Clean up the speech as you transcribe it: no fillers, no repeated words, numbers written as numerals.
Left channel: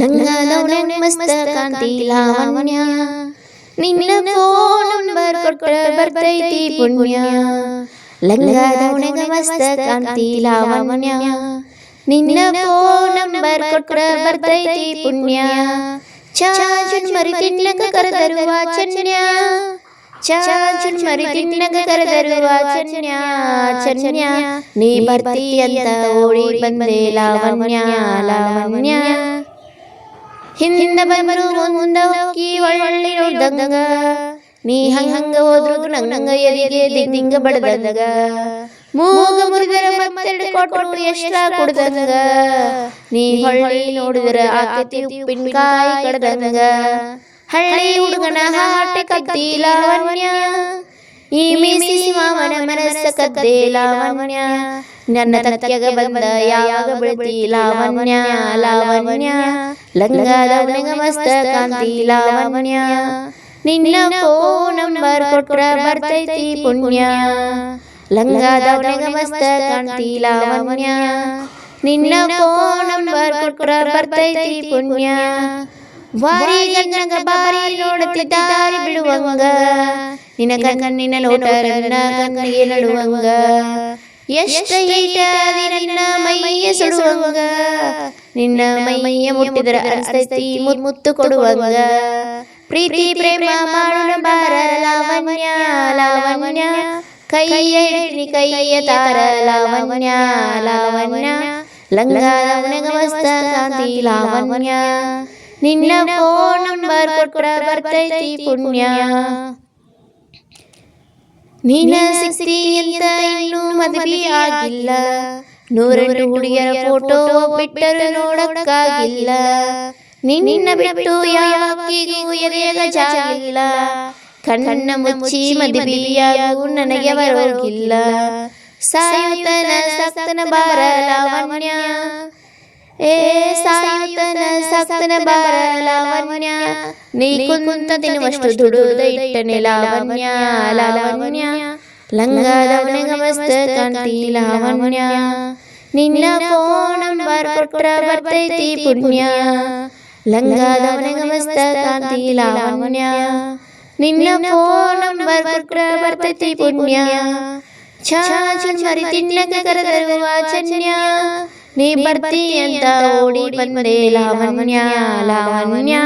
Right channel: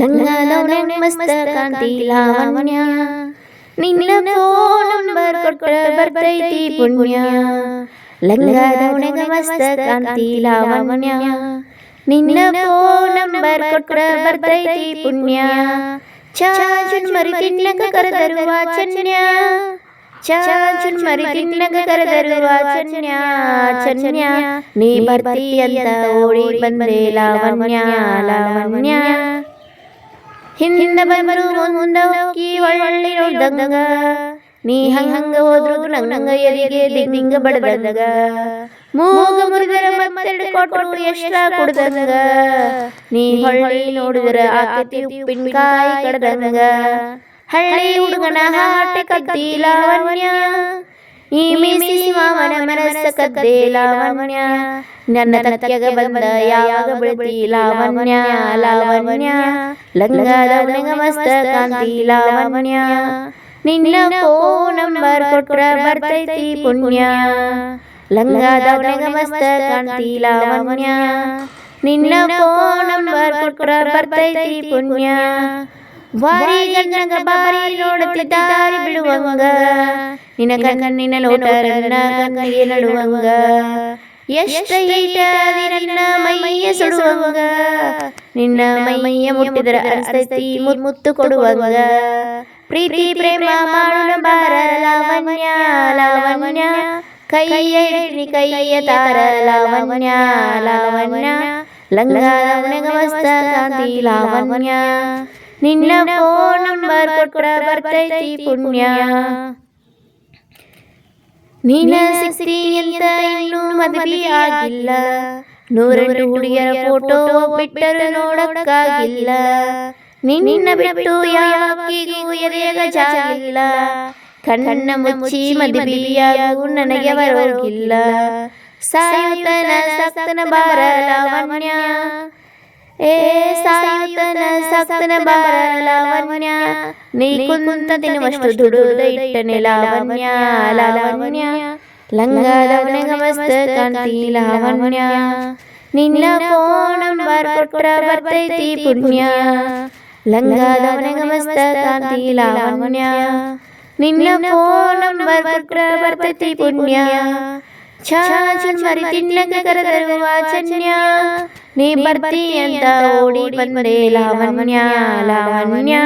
ಲಂಗಾದವನೆ ಮಸ್ತ ಕಾಂತಿ ಲಾವಣ್ಯ, ನಿನ್ನ ಫೋನ್ ನಂಬರ್ ಕೊಟ್ಟ ಬರ್ತೈತಿ ಪುಣ್ಯ. ಲಂಗಾದವನೆಗ ಮಸ್ತ ಕಾಂತಿ ಲಾವಣ್ಯ, ನಿನ್ನ ಫೋನ್ ನಂಬರ್ ಕೊಟ್ಟ ಬರ್ತೈತಿ ಪುಣ್ಯ. ಚಾಚುನ್ ಮರಿ ತಿನ್ನಕ ಕರೆದರು ವಾಚನ್ಯ, ಚಾಚುನ್ ಮರಿ ತಿನ್ನಕ ಕರೆದರು ವಾಚನ್ಯ. ಚನ್ಯ ನೀ ಬರ್ತಿ ಅಂತ ಓಡಿ ಬಂದೆ ಲಾವಣ್ಯ, ಲಾವಣ್ಯ. ಹಿಂದ ಬಂದರು ಮುಂದ ಹೋಗಿ ಒಳ್ಳೆ ನೋಡ್ದಂಗ, ನೀ ಹಂಗ ಹೋದ್ರು ನಂಗ ಎದಿಗೆ ದಿಂಗ ಬಡದಂಗ. ಮೂಗ ಮುರಿದರ ಮತ್ತೆರಡು ಕೊಟ್ಟರು ಎಷ್ಟ ಕುಡ್ದಂಗ, ನೀ ಹೊಳ್ಳಿ ನೋಡಿದರ ಆಕತಿ ಉಪ್ಪಿನಕಾಯಿ ಕಡ್ದಂಗ. ಹಳ್ಳಿ ಹುಡುಗನ ಹಾಟೆ ಕದ್ದಿ ಲಾವಣ್ಯ, ಈ ಮೀಸಿ ಮಾವನ ಮನಸ್ಸ ಕದ್ದೆ ಲಾವಣ್ಯ. ನನ್ನ ತಕ್ಕೆಗ ಬಂದ ಯಾವಾಗ ಬೆಳತಿ ಲಾವಣ್ಯ, ಲಾವಣ್ಯ. ಲಂಗಾದವನೆಗ ಮಸ್ತ ಕಾಂತಿ ಲಾವಣ್ಯ, ನಿನ್ನ ಫೋನ್ ನಂಬರ್ ಕೊಟ್ರ ಬರ್ತೈತಿ ಪುಣ್ಯ. ಲಂಗಾದವನೆಗ ಮಸ್ತ ಕಾಂತಿ ಲಾವಣ್ಯ, ನಿನ್ನ ಫೋನ್ ನಂಬರ್ ಕೊಟ್ರ ಬರ್ತೈತಿ ಪುಣ್ಯ. ಬಾರಿ ಗಂಜಗ ಬಾರಿ ನೋಡತಿ ದಾರಿ ಬಿಡುವಂಗ, ನಿನ್ನ ಕಣ್ಣಿನ ಲೋಟರನ್ನ ಕಣ್ಣಿಗೆ ನಡುವಂಗ. ಎಷ್ಟ ಈಟಾದಿ ನಿನ್ನ ಮೈಯ ಸುಡುವಂಗ, ನಿನ್ನ ಮೈಯ ಮುಟ್ಟಿದರ ಅನಿಸ್ತೈತಿ ಮುತ್ತು ಕೊಡುವಂಗ. ಪ್ರೀತಿ ಪ್ರೇಮ ಮಾಡೋಣ ಬಾರ ಲಾವಣ್ಯ, ಲಾವಣ್ಯ. ಕೈಯ ಹಿಡಿದಿ ಕೈಯ ತಾರ ಲಾವಣ್ಯ, ಲಾವಣ್ಯ. ಲಂಗಾದವನೆಗ ಮಸ್ತ ಕಾಂತಿ ಲಾವಣ್ಯ, ನಿನ್ನ ಫೋನ್ ನಂಬರ್ ಕೊಟ್ರ ಬರ್ತೈತಿ ಪುಣ್ಯ. ನೀನ ಸಿಕ್ತಿ ಅಂತ ಇನ್ನೂ ಮದುವೆ ಆಗಿಲ್ಲ, ನೂರೆಂಟು ಹುಡುಗಿಯರ ಫೋಟೋ ಬಿಟ್ಟರು ನೋಡಕ್ಕಾಗಿಲ್ಲ. ನಿನ್ನ ಬಿಟ್ಟು ಯಾವಕ್ಕಿಗೂ ಎದೆಯಾಗ ಜಾಗಿಲ್ಲ, ಕಣ್ಣ ಮುಚ್ಚಿ ಮದುವೆಯಾಗು ನನಗೆ ಬರೋಗಿಲ್ಲ. ಸಾಯುತ್ತನ ಸಕ್ತನ ಬಾರ ಲಾವಣ್ಯ, ಏ ಸಾಯುತ್ತನ ಸಕ್ತನ ಬಾರ ಲಾವಣ್ಯ. ನೀ ಕುಂತ ತಿನ್ನುವಷ್ಟು ದುಡುದ ಇಟ್ಟನೆ ಲಾವಣ್ಯ, ಲಾವಣ್ಯ. ಲಂಗಾದವನೆಗ ಮಸ್ತ ಕಾಂತಿ ಲಾವಣ್ಯ, ನಿನ್ನ ಫೋನ್ ನಂಬರ್ ಕೊಟ್ರ ಬರ್ತೈತಿ ಪುಣ್ಯ. ಲಂಗಾದವನೆಗ ಮಸ್ತ ಕಾಂತಿ ಲಾವಣ್ಯ, ನಿನ್ನ ಫೋನ್ ನಂಬರ್ ಕೊಟ್ರ ಬರ್ತೈತಿ ಪುಣ್ಯ. ಚಾಚುನ್ ಮರಿ ತಿನ್ನಕ ಕರೆದರು ವಾಚನ್ಯ, ನೀ ಬರ್ತಿ ಅಂತ ಓಡಿ ಬಂದೆ ಲಾವಣ್ಯ, ಲಾವಣ್ಯ.